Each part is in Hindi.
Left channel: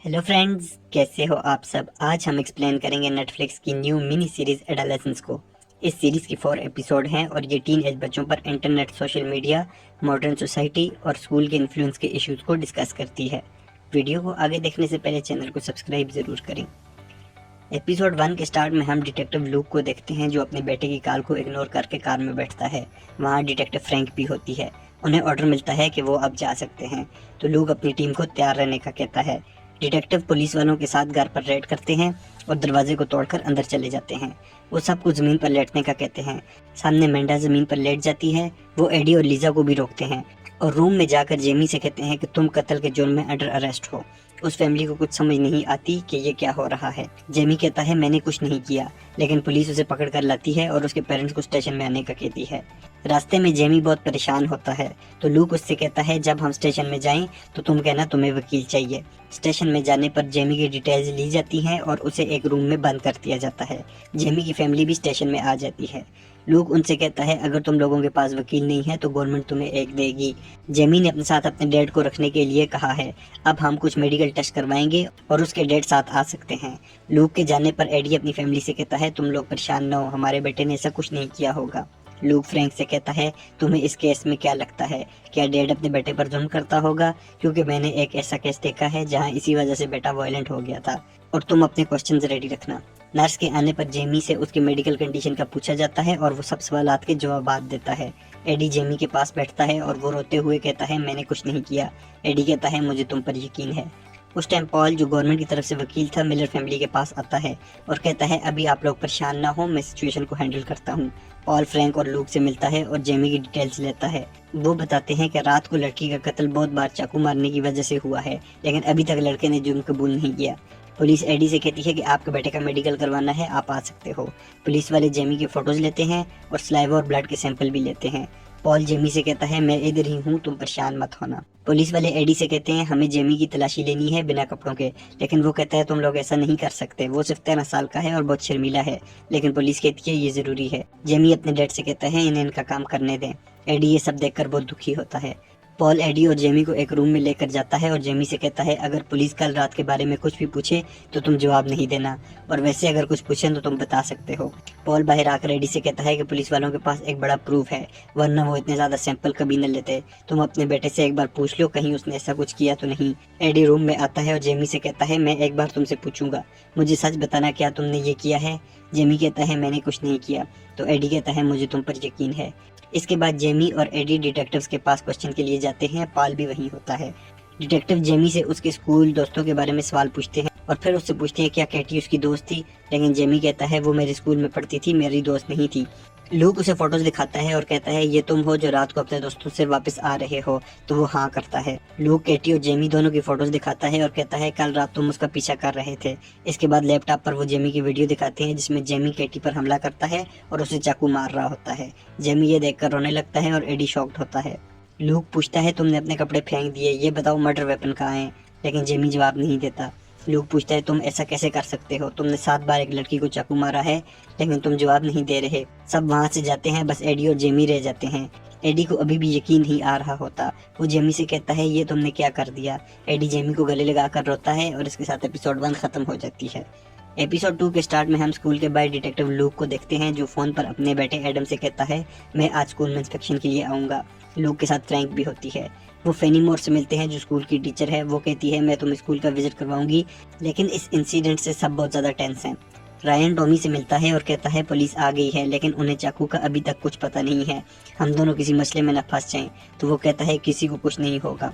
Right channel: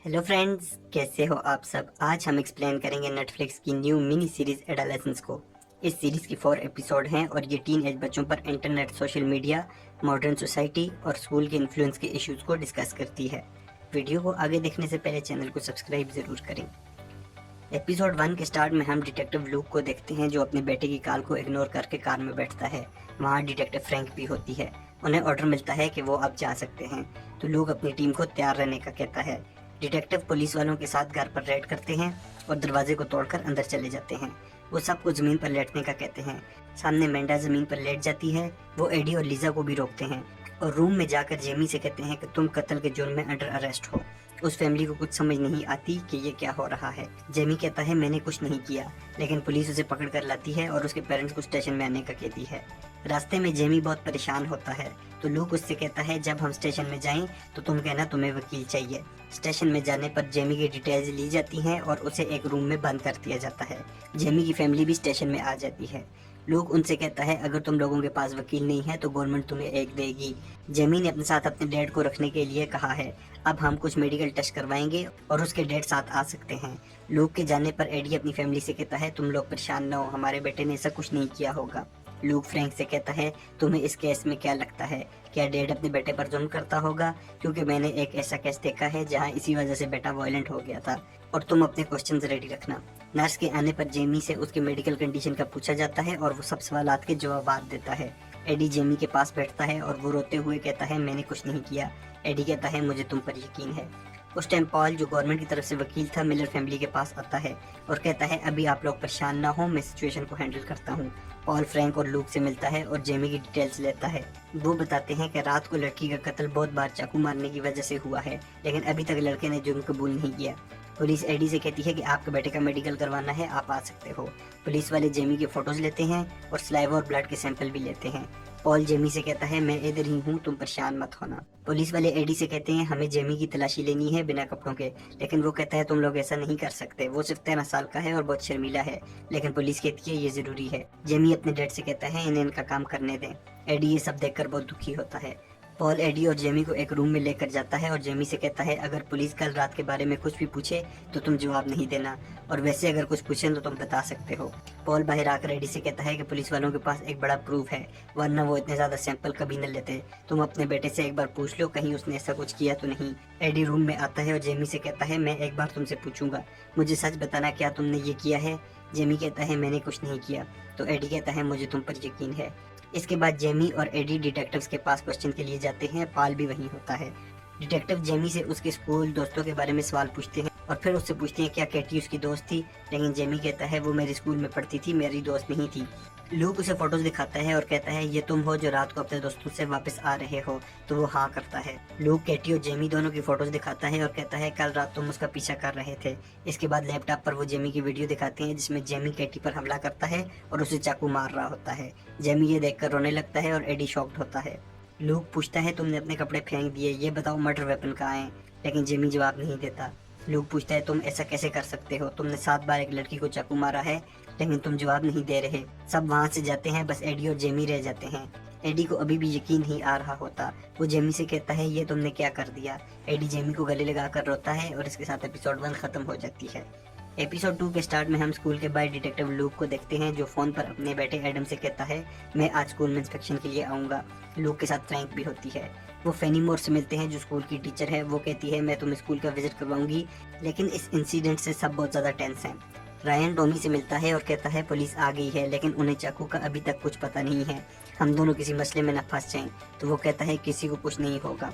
हेलो फ्रेंड्स, कैसे हो आप सब। आज हम एक्सप्लेन करेंगे नेटफ्लिक्स की न्यू मिनी सीरीज एडोलेसेंस को। इस सीरीज की 4 एपिसोड हैं और ये टीन एज बच्चों पर internet, social media, modern society और स्कूल के इन्फ्लुएंस के इश्यूज को डिस्कस करती है। वीडियो को आगे देखने से पहले चैनल को सब्सक्राइब जरूर करें। एपिसोड 1 के स्टार्ट में हम डिटेक्टिव लूक को देखते हैं जो अपने बेटे की कॉल को इग्नोर करके कार में बैठता है। वहाँ डिटेक्टिव फ्रैंक भी होती है। उन्हें ऑर्डर मिलता है कि वो अब जा सकते हैं, तो लूक अपनी टीम को तैयार रहने का कहता है। डिटेक्टिव पुलिस वालों के साथ घर पर रेड करते हैं और दरवाजे को तोड़कर अंदर चले जाते हैं। वो सबको जमीन पर लेटने का कहते हैं। सामने मेंढा जमीन पर लेट जाती है। वो एडी और लीजा को भी रोकते हैं और रूम में जाकर जेमी से कहते हैं कि तुम कत्ल के जुर्म में अंडर अरेस्ट हो। उस फैमिली को कुछ समझ नहीं आती कि ये क्या हो रहा है। जेमी कहता है मैंने कुछ नहीं किया, लेकिन पुलिस उसे पकड़ कर लाती है और उसके पेरेंट्स को स्टेशन में आने का कहती है। रास्ते में जेमी बहुत परेशान होता है, तो लूक उससे कहता है जब हम स्टेशन में जाएं तो तुम कहना तुम्हें वकील चाहिए। स्टेशन में जाने पर जेमी की डिटेल्स ली जाती हैं और उसे एक रूम में बंद कर दिया जाता है। जेमी की फैमिली भी स्टेशन में आ जाती है। लूक उनसे कहता है अगर तुम लोगों के पास वकील नहीं है तो गवर्नमेंट तुम्हें एक देगी। जेमी ने अपने साथ अपने डैड को रखने के लिए कहा है। अब हम कुछ मेडिकल टेस्ट करवाएंगे और उसके डैड साथ आ सकते हैं। लूक के जाने पर एडी अपनी फैमिली से कहता है तुम लोग परेशान न हो, हमारे बेटे ने ऐसा कुछ नहीं किया होगा। लूक फ्रैंक से कहता है तुम्हें इस केस में क्या लगता है, क्या डैड अपने बेटे पर जुल्म करता होगा? क्योंकि मैंने एक ऐसा केस देखा है जहां इसी वजह से बेटा वायलेंट हो गया था। और तुम अपने क्वेश्चंस रेडी रखना। नर्स के आने पर जेमी से उसके मेडिकल कंडीशन का पूछा जाता है और वो सब सवालात के जवाब देता है। एडी जेमी के पास बैठता है और वो रोते हुए कहता है मैंने कुछ नहीं किया। एडी कहता है मुझे तुम पर यकीन है। उस टाइम पॉल, जो गवर्नमेंट की तरफ से वकील था, मिलर फैमिली के पास आता है और कहता है अभी आप लोग परेशान ना हो, मैं सिचुएशन को हैंडल करता हूँ। पॉल फ्रैंक और लूक से मिलता है और जेमी की डिटेल्स लेता है। वो बताते हैं कि रात को लड़की का कत्ल बहुत बार चाकू मारने की वजह से हुआ है, लेकिन अभी तक लड़के ने जुर्म कबूल नहीं किया। पुलिस एडी से कहती है कि आपके बेटे का मेडिकल करवाना है, आप आ सकते हो। पुलिस वाले जेमी के फोटोज लेते हैं और स्लाइवा और ब्लड के सैंपल भी लेते हैं। पॉल जेमी से कहता है मैं इधर ही हूँ, तुम परेशान मत होना। पुलिस वाले एडी से कहते हैं हमें जेमी की तलाशी लेनी है बिना कपड़ों के, लेकिन वो कहता है तुम लोग ऐसा नहीं कर सकते, वो सिर्फ 13 साल का है और बहुत शर्मीला है। लेकिन पुलिस कहती है ये जरूरी है। जेमी अपने डैड से कहता है इन्हें इनका काम करने दें। एडी ये सब देखकर बहुत दुखी होता है। पॉल एडी और जेमी को एक रूम में लेकर जाता है और जेमी से कहता है अगर पुलिस कल रात के बारे में कुछ भी पूछे तो तुम जवाब नहीं देना, और वैसे अगर कुछ पूछे तो तुम बता सकते हो। पॉल बाहर आकर एडी से कहता है कि पुलिस वालों के पास एक बड़ा प्रूफ है, वरना वो इतने ज्यादा सैंपल कभी न लेते। तुम अपने बेटे से एक बार पूछ लो कहीं उसने ऐसा कुछ किया तो नहीं। एडी रूम में आता है और जेमी से कहता है मैं एक बार तुमसे पूछूंगा, मुझे सच बताना क्या तुमने ये किया है। जेमी कहता है मैंने कुछ नहीं किया। तो एडी कहता है मुझे तुम पर यकीन है। इसके बाद जेमी और एडी डिटेक्टिव्स के पास क्वेश्चन के लिए जाते हैं। पॉल भी वहीं होता है। डिटेक्टिव जेमी से उसके स्कूल दोस्तों के बारे में सवाल पूछते हैं और फिर उससे पूछते हैं क्या कैटी उसकी दोस्त थी, लेकिन जेमी कहता है वो मेरे स्कूल में पढ़ती थी, मेरी दोस्त नहीं थी। लूक उसे फोटोज दिखाता है और कहता है ये तुम हो जो रात को अपने दोस्तों से वापस आ रहे हो? तो वो हाँ करता है। लूक कैटी और जेमी दोनों की फोटोज दिखाता है और कहता है कल रात तुम उसका पीछा कर रहे थे। इसके बाद लैपटॉप पर वो जेमी की वीडियो दिखाते हैं जिसमें जेमी कैटी पर हमला करता है और उसे चाकू मार रहा होता है। जेमी ये देखकर रोने लगता है और एडी शॉक्ड होता है। लूक पूछता है तुमने अपने कपड़े फेंक दिए, ये बताओ मर्डर वेपन कहाँ है? लेकिन जेमी जवाब नहीं देता। लूक पूछता है तुम ऐसा कैसे कर सकते हो, तुमने 7 बार एक लड़की को चाकू मारा है, लेकिन तुम जवाब नहीं दे रहे। सब वहाँ से जाते हैं, बस एडी और जेमी रह जाते हैं। एडी को अभी भी यकीन नहीं आ रहा होता। वो जेमी से कहता है ये तुमने क्या कर दिया। एडी जेमी को गले लगाकर रोता है और इसके साथ एपिसोड 1 खत्म हो जाती है। एपिसोड 2 के स्टार्ट में हम स्कूल के बाहर डिटेक्टिव लूक को देखते हैं जो फोन पर अपने बेटे एडम से कहता है मैं आज स्कूल में इंस्पेक्शन के लिए आऊँगा। लूक के साथ फ्रैंक भी होती है। वो फेनी मोर से मिलते हैं जो स्कूल की टीचर है। वो कहती है मैं तुम्हें स्कूल का विजिट करवाऊंगी, लेकिन इस इंसिडेंट से सब बहुत ज़्यादा टेंस हैं। रायन टॉमी से मिलता है और कहता है पुलिस आ गई है, लेकिन उन्हें चाकू का अभी तक कुछ पता नहीं है, हम दोनों किसी मसले में न फंस जाएं। तो वो कहता है किसी को कुछ नहीं होगा।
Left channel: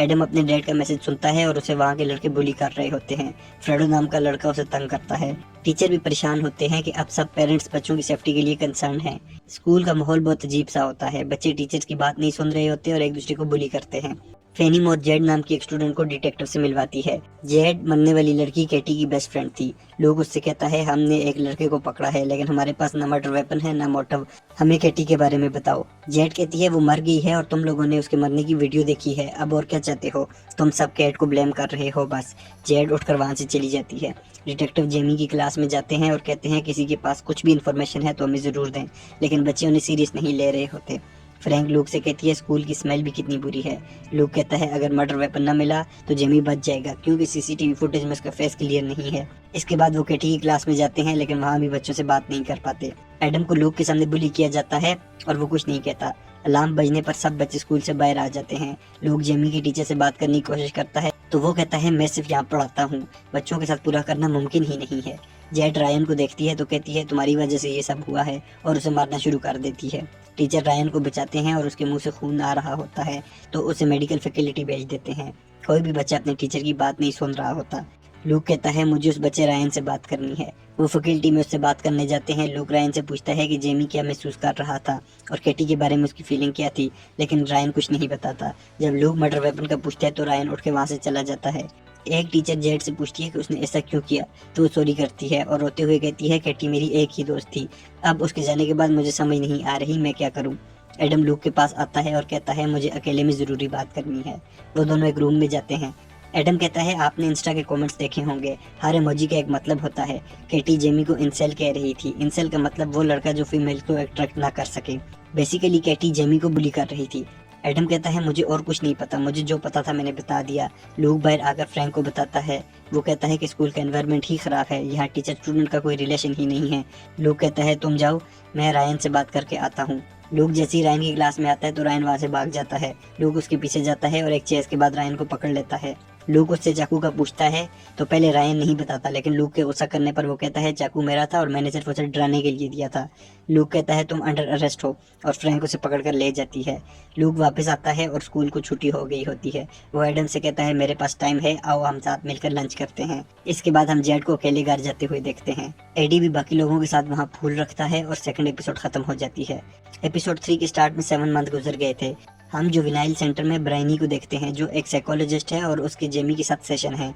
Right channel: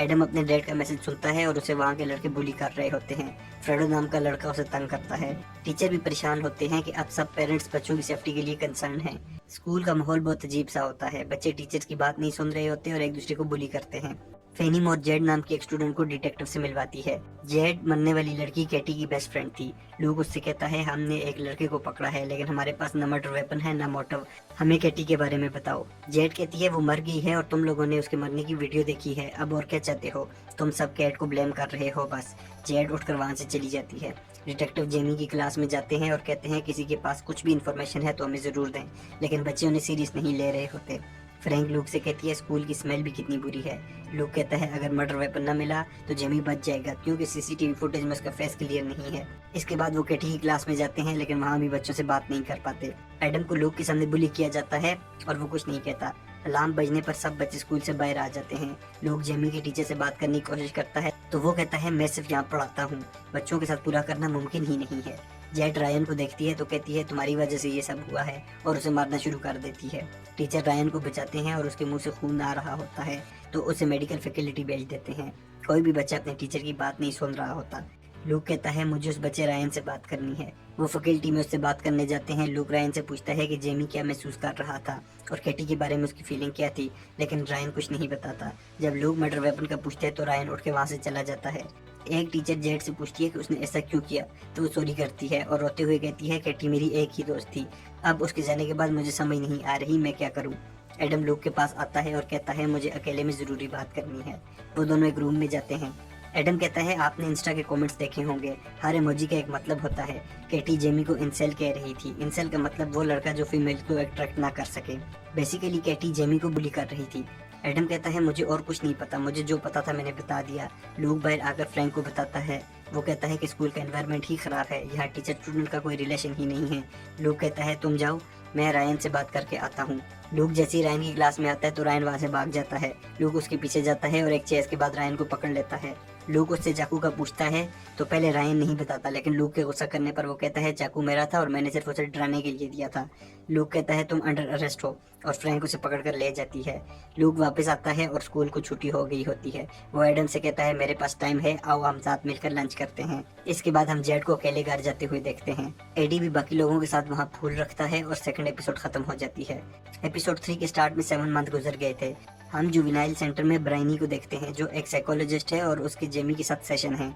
एडम अपने डैड का मैसेज सुनता है और उसे वहाँ के लड़के बुली कर रहे होते हैं। फ्रेडो नाम का लड़का उसे तंग करता है। टीचर भी परेशान होते हैं कि अब सब पेरेंट्स बच्चों की सेफ्टी के लिए कंसर्न है। स्कूल का माहौल बहुत अजीब सा होता है, बच्चे टीचर्स की बात नहीं सुन रहे होते और एक दूसरे को बुली करते हैं। फेनी मोर जेड नाम की एक स्टूडेंट को डिटेक्टिव से मिलवाती है। जेड मरने वाली लड़की कैटी की बेस्ट फ्रेंड थी। लोग उससे कहता है हमने एक लड़के को पकड़ा है, लेकिन हमारे पास न मर्डर वेपन है न मोटिव, हमें कैटी के बारे में बताओ। जेड कहती है वो मर गई है और तुम लोगों ने उसके मरने की वीडियो देखी है, अब और क्या चाहते हो, तुम सब कैट को ब्लेम कर रहे हो बस। जेड उठकर वहाँ से चली जाती है। डिटेक्टिव जेमी की क्लास में जाते हैं और कहते हैं किसी के पास कुछ भी इन्फॉर्मेशन है तो हमें ज़रूर दें, लेकिन बच्चे उन्हें सीरियस नहीं ले रहे होते। फ्रैंक लूक से कहती है स्कूल की स्मेल भी कितनी बुरी है। लूक कहता है अगर मर्डर वेपन न मिला तो जेमी बच जाएगा क्योंकि सीसीटीवी फुटेज में उसका फेस क्लियर नहीं है। इसके बाद वो केटी की क्लास में जाते हैं लेकिन वहाँ भी बच्चों से बात नहीं कर पाते। एडम को लूक के सामने बुली किया जाता है और वो कुछ नहीं कहता। अलार्म बजने पर सब बच्चे स्कूल से बाहर आ जाते हैं। लूक जेमी के टीचर से बात करने की कोशिश करता है तो वो कहता है मैं सिर्फ यहाँ पढ़ाता हूँ, बच्चों के साथ पूरा करना मुमकिन ही नहीं है। जेट रायन को देखती है तो कहती है तुम्हारी वजह से ये सब हुआ है और उसे मारना शुरू कर देती है। टीचर रायन को बचाते हैं और उसके मुंह से खून आ रहा होता है तो उसे मेडिकल फैसिलिटी भेज देते हैं। कोई भी बच्चा अपने टीचर की बात नहीं सुन रहा होता। लूक कहता है मुझे उस बच्चे रायन से बात करनी है। वो फैकल्टी में उससे बात करने जाते हैं। लूक रायन से पूछता है कि जेमी क्या महसूस कर रहा था और केटी के बारे में उसकी फीलिंग क्या थी, लेकिन रायन कुछ नहीं बताता। जब लूक मर्डर वेपन का पूछता है तो रायन उठ के वहाँ से चला जाता है। एक टीचर जेट से पूछती है कि उसने ऐसा क्यों किया तो वो सॉरी करती है और रोते हुए कहती है केटी मेरी एक ही दोस्त थी, अब उसके जाने के बाद मुझे समझ नहीं आ रही मैं क्या करूँ। एडम लूक के पास आता है और कहता है मुझे अकेले में ज़रूरी बात करनी है। वो दोनों एक रूम में जाते हैं। एडम कहता है आपने इंस्टा के कमेंट्स देखे होंगे, हर इमोजी का एक मतलब होता है। केटी जेमी को इंसेल कह रही थी। इंसेल का मतलब वो लड़का जो फीमेल को अट्रैक्ट ना कर सके। बेसिकली केटी जेमी को बुली कर रही थी। एडम कहता है मुझे और कुछ नहीं पता, मुझे जो पता था मैंने बता दिया। लूक बाहर आकर फ्रैंक को बताता है। वो कहता है कि स्कूल का एनवायरनमेंट ही खराब है, यहाँ टीचर स्टूडेंट का कोई रिलेशन ही नहीं है। लूक कहता है तुम जाओ, मैं रायन से बात करके आता हूँ। लूक जैसे ही रायन की क्लास में आता है तो रायन वहाँ से भाग जाता है। लूक उसके पीछे जाता है और एक चेस के बाद रायन को पकड़ लेता है। लूक उससे चाकू का पूछता है तो पहले रायन नहीं बताता, लेकिन लूक के गुस्सा करने पर वो कहता है चाकू मेरा था और मैंने सिर्फ उसे डराने के लिए दिया था। लूक कहता है तुम अंडर अरेस्ट हो और फ्रैंक उसे पकड़ कर ले जाती है। लूक वापस आता है और स्कूल को छुट्टी हो गई होती है। वो एडम से कहता है मेरे पास टाइम है, आओ हम साथ मिलकर लंच करते हैं। इसके बाद हम जेड को अकेले घर जाते हुए देखते हैं। एडी भी बाकी लोगों के साथ वहाँ फूल रखता है और सेकंड एपिसोड खत्म हो जाती है। एपिसोड 3 के स्टार्ट में 7 मंथ गुजर गए थे। हम जुवेनाइल सेंटर में ब्राइनी को देखते हैं जो एक साइकोलॉजिस्ट है और उसके जेमी के साथ सेशन है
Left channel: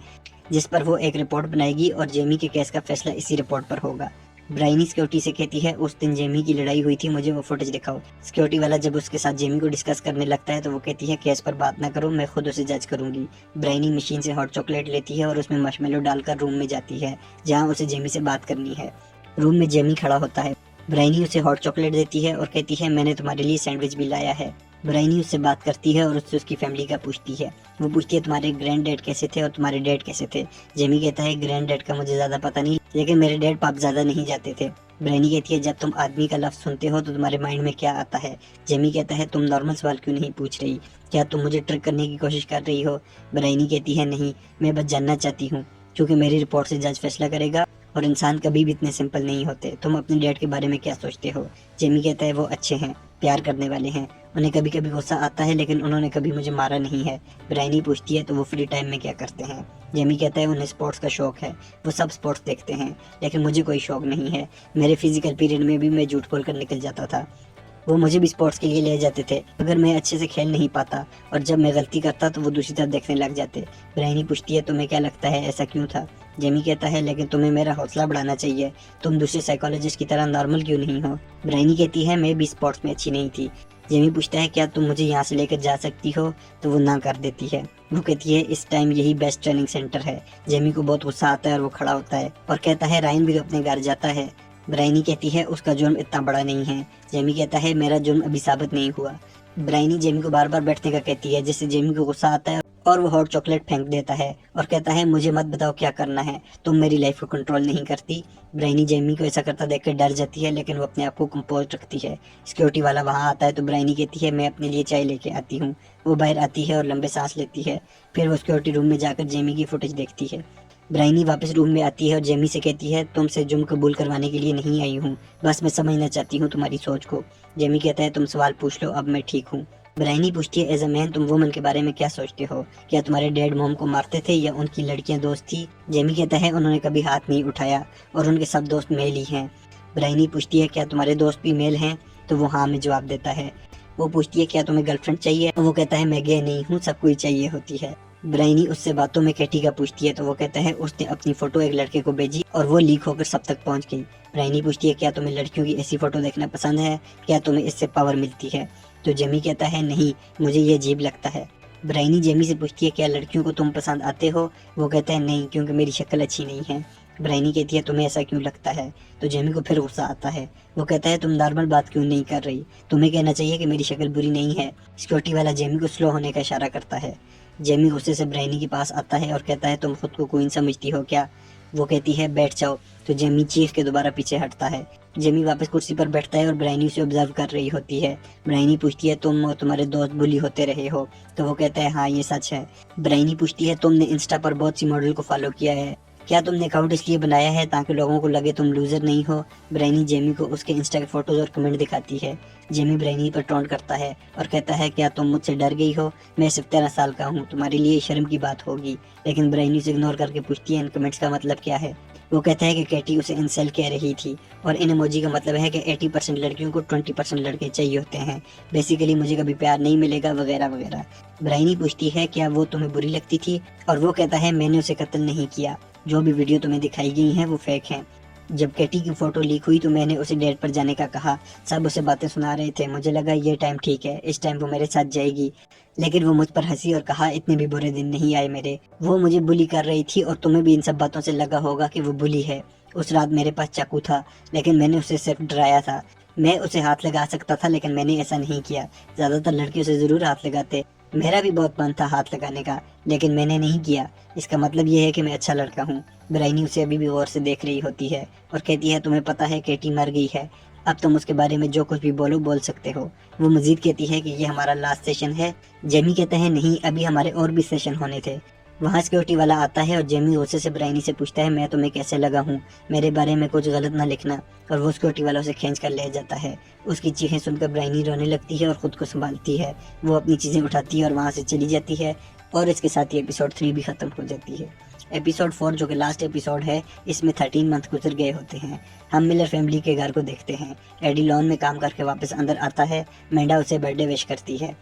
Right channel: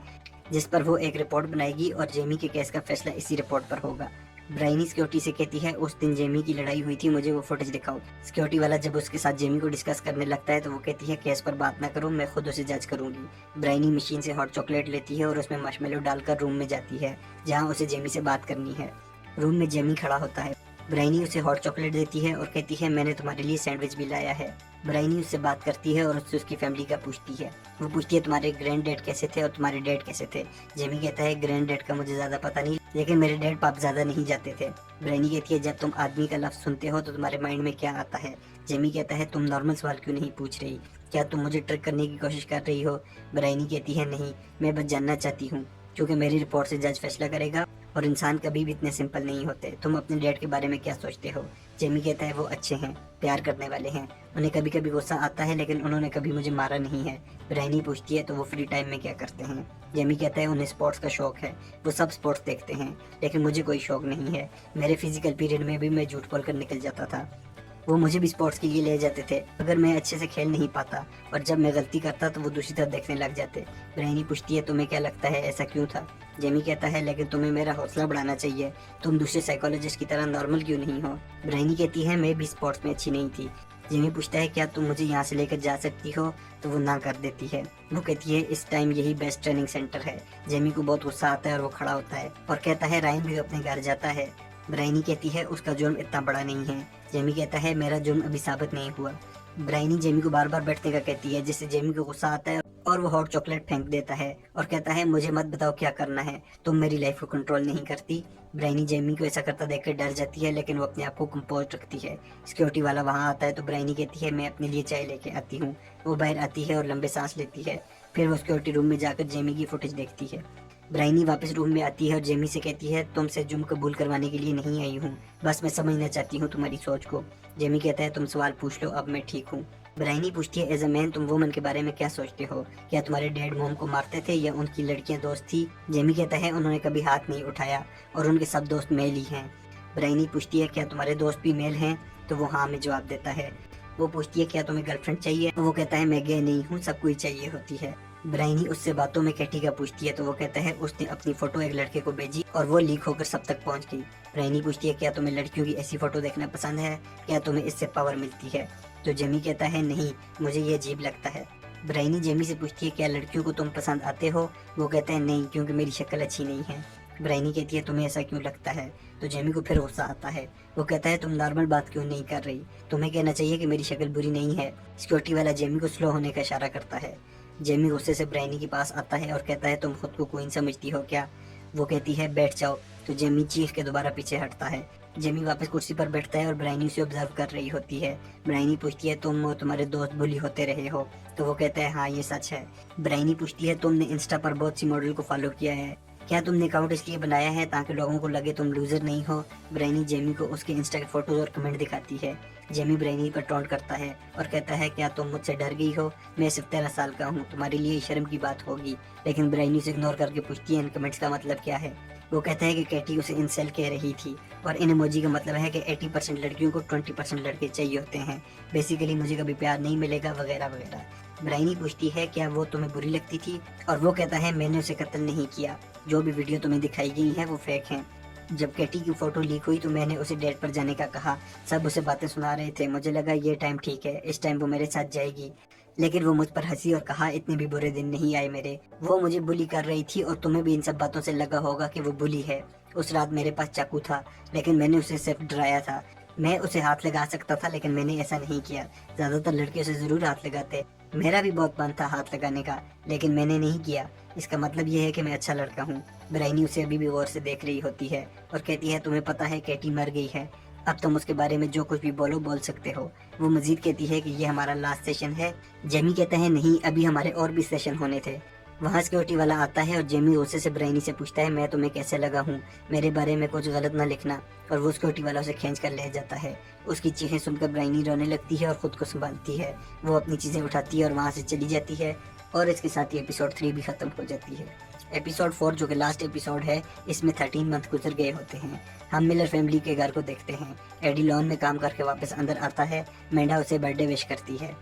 जिस पर वो एक रिपोर्ट बनाएगी और जेमी के केस का फैसला इसी रिपोर्ट पर होगा। ब्राइनी सिक्योरिटी से कहती है उस दिन जेमी की लड़ाई हुई थी, मुझे वो फुटेज दिखाओ। सिक्योरिटी वाला जब उसके साथ जेमी को डिस्कस करने लगता है तो वो कहती है केस पर बात ना करो, मैं खुद उसे जज करूंगी। ब्राइनी मशीन से हॉट चॉकलेट लेती है और उसमें मार्शमेलो डालकर रूम में जाती है जहाँ उसे जेमी से बात करनी है। रूम में जेमी खड़ा होता है। ब्राइनी उसे हॉट चॉकलेट देती है और कहती है मैंने तुम्हारे लिए सैंडविच भी लाया है। ब्राइनी उससे बात करती है और उससे उसकी फैमिली का पूछती है। वो पूछती है तुम्हारे ग्रैंड डैड कैसे थे और तुम्हारे डैड कैसे थे। जेमी कहता है ग्रैंड डैड का मुझे ज्यादा पता नहीं, लेकिन मेरे डैड पाप ज्यादा नहीं जाते थे। ब्राइनी कहती है जब तुम आदमी का लफ्ज सुनते हो तो तुम्हारे माइंड में क्या आता है। जेमी कहता है तुम नॉर्मल सवाल क्यों नहीं पूछ रही, क्या तुम मुझे ट्रिक करने की कोशिश कर रही हो। ब्राइनी कहती है नहीं, मैं बस जानना चाहती हूँ क्योंकि मेरी रिपोर्ट से जज फैसला करेगा और इंसान कभी भी इतने सिंपल नहीं होते। तुम अपने डैड के बारे में क्या सोचते हो। जेमी कहता है वो अच्छे हैं, प्यार करने वाले हैं, उन्हें कभी कभी गुस्सा आता है लेकिन उन्होंने कभी मुझे मारा नहीं है। ब्राइनी पूछती है तो वो फ्री टाइम में क्या करते हैं। जेमी कहता है उन्हें स्पोर्ट्स का शौक है, वो सब स्पोर्ट्स देखते हैं, लेकिन मुझे कोई शौक नहीं है। मेरे फिजिकल पीरियड में भी मैं झूठ बोलकर निकल जाता था, वो मुझे भी स्पोर्ट्स के लिए ले जाते थे अगर मैं अच्छे से खेल नहीं पाता, और जब मैं गलती करता तो वो दूसरी तरफ देखने लग जाते। ब्राइनी पूछती है तुम्हें क्या लगता है ऐसा क्यों था। जेमी कहता है लेकिन तुम्हें मेरा हौसला बढ़ाना चाहिए, तुम दूसरे साइकोलॉजिस्ट की तरह नॉर्मल क्यों नहीं हो। ब्राइनी कहती है मैं भी स्पोर्ट्स में अच्छी नहीं थी। जेमी पूछता है क्या तुम मुझे यहाँ से लेकर जा सकती हो, तो वो ना कर देती है। वो कहती है इस टाइम यही बेस्ट ट्रेनिंग सेंटर है। जेमी को बहुत गुस्सा आता है और वो खड़ा होता है और कहता है रायन भी तो अपने घर जाता है। ब्राइनी कहती है उसका जुर्म इतना बड़ा नहीं है। जेमी कहता है मेरा जुर्म अभी साबित नहीं हुआ। ब्राइनी जेमी को बार बार बैठने का कहती है जिससे जेमी को गुस्सा आता है और वो हॉट चॉकलेट फेंक देता है और कहता है मुझे मत बताओ क्या करना है, तुम मेरी लाइफ को कंट्रोल नहीं करती। ब्राइनी जेमी को ऐसा करता देखकर डर जाती है लेकिन वो अपने आप को कंपोज रखती है। सिक्योरिटी वाला वहाँ आता है तो ब्राइनी कहती है मैं अपने लिए चाय लेके आती हूँ। वो बाहर आती है और लंबे सांस लेती है। फिर वो सिक्योरिटी रूम में जाकर जेमी की फुटेज देखती है। ब्राइनी वापस रूम में आती है और जेमी से कहती है तुमसे जुर्म कबूल करवाने के लिए नहीं आई हूँ, बस मैं समझना चाहती हूँ तुम्हारी सोच को। जेमी कहता है तुम सवाल पूछ लो, अब मैं ठीक हूँ। ब्राइनी पूछती है एज अ मैन तुम वुमन के बारे में क्या सोचते हो, क्या तुम्हारे डैड मॉम को मारते थे या उनकी लड़कियां दोस्त थी। जेमी कहता है उन्होंने कभी हाथ नहीं उठाया और उनके सब दोस्त मेल ही हैं। ब्राइनी पूछती है क्या तुम्हारे दोस्त भी मेल हैं, तो वो हाँ में जवाब देता है। वो पूछती है क्या तुम्हें गर्लफ्रेंड चाहिए, तो वो कहता है मैं गे नहीं हूँ, सबको ही चाहिए होती है। ब्राइनी उससे बातों में केटी का पूछती है तो वो कहता है उसने अपनी फोटो एक लड़के को भेजी और वो लीक होकर सब तक पहुंच गई। ब्राइनी पूछती है क्या तुम्हें लड़कियों की ऐसी फोटो देखना पसंद है, क्या तुम्हें इससे पावर मिलती है। तो जेमी कहता है नहीं, मुझे ये अजीब लगता है। ब्राइनी जेमी से पूछती है क्या लड़कियों को तुम पसंद आते हो। वो कहता है नहीं क्योंकि मेरी शक्ल अच्छी नहीं है। ब्राइनी कहती है तुम्हें ऐसा क्यों लगता है, तो जेमी को फिर गुस्सा आता है। वो कहता है तुम नॉर्मल बात क्यों नहीं कर रही, तुम्हें कहना चाहिए कि मेरी शक्ल बुरी नहीं है। सिक्योरिटी वाला जेमी को स्लो होने का इशारा करता है। जेमी गुस्से से ब्राइनी के पास आता है और कहता है तुम खुद को क्वीन समझती हो क्या। वो कहती है बैठ जाओ, तो जेमी चीख के दोबारा पीछे हटता है। जेमी वापस कुर्सी पर बैठता है और ब्राइनी उसे ऑब्जर्व कर रही होती है। ब्राइनी पूछती है तुम और तुम्हारे दोस्त बुली होते रहे हो, तो वो कहता है हाँ ये सच है। ब्राइनी पूछती है तुमने इंस्टा पर बहुत सी मॉडल को फॉलो किया है, क्या तुमने अकाउंट इसलिए बनाया है ताकि लोगों को लगे तुम लूजर नहीं हो। ब्राइनी जेमी को उसके इंस्टा के फोटोज और कमेंट दिखाती है। जेमी ब्राइनी पर टोंट करता है और कहता है क्या तुम मुझसे डर गई हो, मैं सिर्फ 13 साल का हूँ, तुम्हारे लिए शर्म की बात होगी। लेकिन ब्राइनी उसे इग्नोर करके पूछती है इन कमेंट्स का मतलब क्या है। वो कहता है कि कैटी उसे इंसल्ट कह रही थी और इन इमोजी का मतलब है कि 80% लड़कियों को 20% लड़के चाहिए होते हैं, बेसिकली मुझे कभी प्यार नहीं मिलेगा वगैरह वगैरह। ब्राइनी पूछती है क्या वो तुम्हें बुरी लगती थी, और वो कहता है मैंने उसे कत्ल नहीं किया, जो भी वीडियो तुम्हें दिखाई गई है वो फेक है। जब कैटी की फोटो लीक हुई तो मैंने उसे डेट पर जाने का कहा, सब उसे बातें सुना रहे थे, मुझे लगा ये टाइम ठीक है, इस टाइम वो मेरे साथ जाएगी। लेकिन वो मुझ पर हंसी और कहा इतने भी बुरे दिन नहीं आए मेरे, वो मुझे बुली कर रही थी और तुम्हें भी इन सब बातों से लगा होगा कि वो बुली है। उस रात मेरे पास चाकू था लेकिन मैंने उसे सिर्फ डराया था, मैं उसे हाथ लगा सकता था लेकिन मैंने ऐसा नहीं किया। ज्यादातर लड़कियों से जरूर हाथ लगाते, मेरा भी बहुत मन था हाथ लगाने का लेकिन मैंने नहीं किया, इसका मतलब ये है कि मैं अच्छा लड़का हूँ। ब्राइनी उसे अभी भी गौर से देख रही होती है और कहती है तुम्हें पता है कैटी मर गई है, अब तुम उसके बारे में जो कुछ भी बोल सकते हो। वो मजीद कहती है कि ये हमारा लास्ट सेशन है। जेमी कहता है नहीं, अभी हमारे और भी सेशन होने थे। वहाँ सिक्योरिटी वाला आता है और जेमी गुस्से से ब्राइनी से पूछता है मैं तुम्हें कैसे लगा हूँ, मेरे बारे में कुछ गलत ना लिखना, और वो सिक्योरिटी वाला उसे खींच कर ले जाता है। उसकी चीखें सुनकर ब्राइनी रोने लगती है और खुद को संभालती है। वो अपनी चीजें उठाती है और वहाँ से चली जाती है और इसके साथ ही एपिसोड 3 भी खत्म हो जाती है। एपिसोड 4 जो कि लास्ट एपिसोड है, इसमें 13 मंथ गुजर गए होते हैं। हम मिलर फैमिली के घर को देखते हैं। एडी लॉन में काम करके वापस अंदर आता है। मेंढा उसे बर्थडे विश करती है।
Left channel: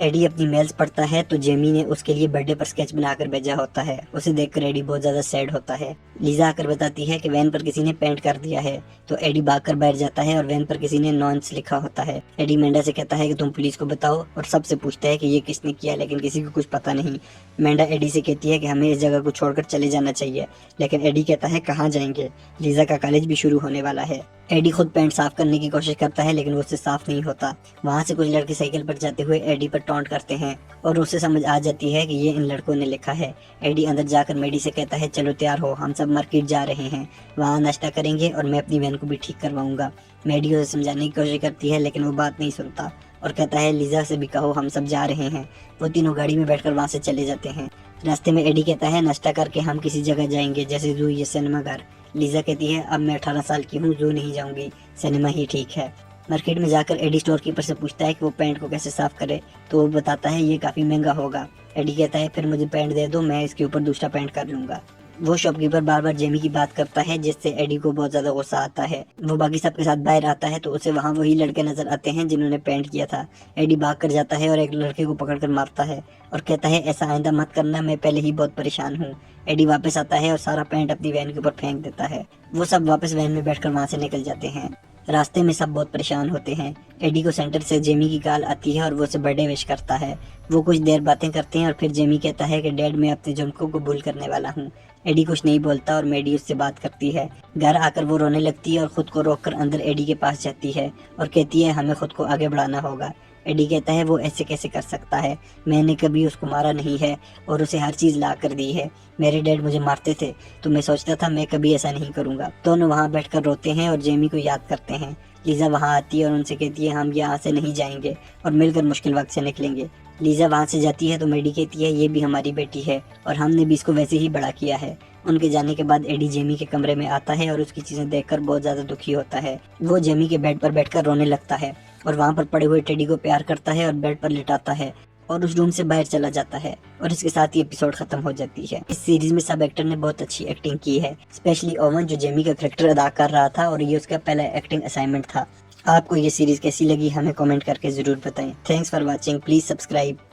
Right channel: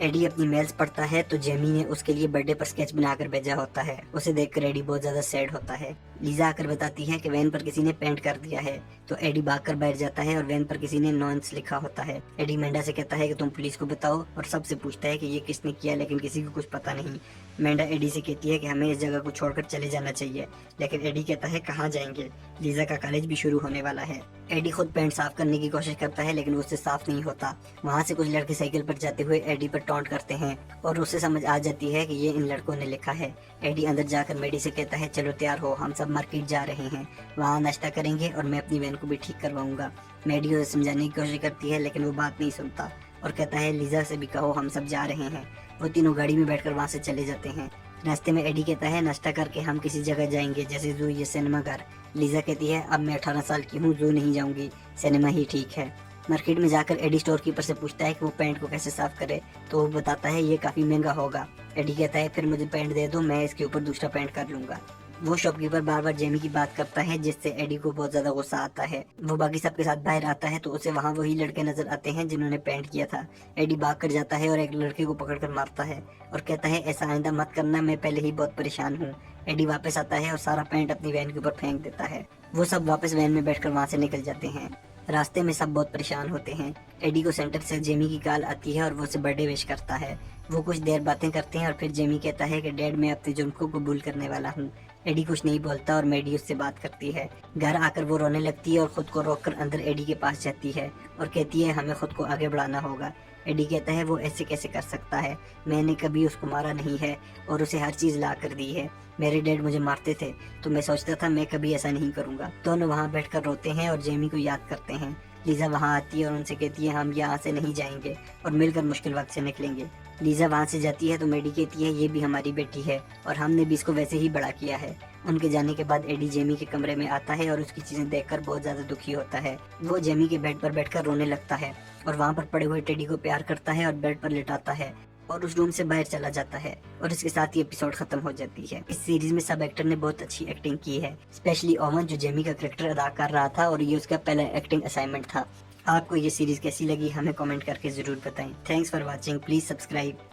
एडी अपनी मेल्स पढ़ता है तो जेमी ने उसके लिए बर्थडे पर स्केच बनाकर भेजा होता है। उसे देखकर एडी बहुत ज्यादा सैड होता है। लीजा आकर बताती है कि वैन पर किसी ने पेंट कर दिया है, तो एडी भागकर बैठ जाता है और वैन पर किसी ने नॉन्स लिखा होता है। एडी मेंढा से कहता है कि तुम पुलिस को बताओ और सबसे पूछता है कि ये किसने किया, लेकिन किसी को कुछ पता नहीं। मेंढा एडी से कहती है कि हमें इस जगह को छोड़कर चले जाना चाहिए, लेकिन एडी कहता है कहाँ जाएंगे, लीजा का कॉलेज भी शुरू होने वाला है। एडी खुद पेंट साफ करने की कोशिश करता है लेकिन वो उससे साफ नहीं होता। वहाँ से कुछ लड़के साइकिल पर जाते हुए एडी पर टॉन्ट करते हैं और उसे समझ आ जाती है कि ये इन लड़कों ने लिखा है। एडी अंदर जाकर मेडी से कहता है चलो तैयार हो, हम सब मार्केट जा रहे हैं, वहाँ नाश्ता करेंगे और मैं अपनी वैन को भी ठीक करवाऊंगा। मेडी उसे समझाने की कोशिश करती है लेकिन वो बात नहीं सुनता और कहता है लीजा से भी कहो हम सब जा रहे हैं। वो तीनों गाड़ी में बैठकर वहाँ से चले जाते हैं। रास्ते में एडी कहता है नाश्ता करके हम किसी जगह जाएंगे, जैसे जू या सिनेमा घर। लीजा कहती है अब मैं 18 साल की हूँ, जू नहीं जाऊंगी, सिनेमा ही ठीक है। मार्केट में जाकर एडी स्टोर कीपर से पूछता है कि वो पैंट को कैसे साफ करे, तो वो बताता है ये काफी महंगा होगा। एडी कहता है फिर मुझे पैंट दे दो, मैं इसके ऊपर दूसरा पैंट कर लूंगा। वो शॉपकीपर बार बार जेमी की बात करता है जिससे एडी को बहुत ज्यादा गुस्सा आता है। वो बाकी सबके साथ बाहर आता है तो उसे वहाँ वही लड़के नजर आते हैं जिन्होंने पेंट किया था। एडी भाग कर जाता है और एक लड़के को पकड़कर मारता है और कहता है ऐसा आइंदा मत करना, मैं पहले ही बहुत परेशान हूँ। एडी वापस आता है और सारा पेंट अपनी वैन के ऊपर फेंक देता है। वो सब वापस वैन में बैठकर वहाँ से निकल जाते हैं। रास्ते में सब बहुत परेशान होते हैं। एडी को सेंटर से जेमी की कॉल आती है और वो उसे बर्थडे विश करता है। वो कुछ देर बातें करते हैं और फिर जेमी कहता है कि डैड मैं अपने जम को कबूल करने वाला हूँ। एडी कुछ नहीं बोलता और मेडी उससे बात करती है। घर आकर वो रोने लगती है और खुद को रोककर अंदर एडी के पास जाती है और कहती है हमें खुद को आगे बढ़ाना होगा। एडी कहता है वो ऐसे कैसे कर सकता है, मैंने कभी उसको मारा नहीं है और उसे हर चीज ला कर दी है। मेरे डैड मुझे मारते थे तो मैं सोचता था मैं कभी ऐसा नहीं करूंगा। दोनों वहाँ बैठकर रोते हैं और जेमी को याद करते हैं। लीजा वहाँ आती है और उनसे कहती है हम यहाँ से नहीं जाएंगे और मिलकर मुश्किल वक्त से निकलेंगे। लीजा वहाँ से जाती है तो मेडी कहती है ये भी हमारी बेटी है और हमने भी इसको वैसे ही बड़ा किया है। उनके जाने के बाद एडी जेमी के कमरे में आता है और उसकी चीजें देखकर बहुत ज्यादा दुखी होता है। वो जेमी के बेड पर बैठकर रोने लगता है और वहाँ पर पड़े हुए टेडी को प्यार करता है और बेड पर लिटाता है और उस रूम से बाहर चला जाता है और इसके साथ ही एपिसोड खत्म हो जाती है। इस सीरीज में सब एक्टर ने बहुत अच्छी एक्टिंग की है, स्पेशली ओवन जो जेमी का कैरेक्टर अदा कर रहा था और ये उसका पहला एक्टिंग असाइनमेंट था। आपको ये सीरीज कैसी लगी हमें कमेंट करके जरूर बताएं। Thanks for watching, please subscribe.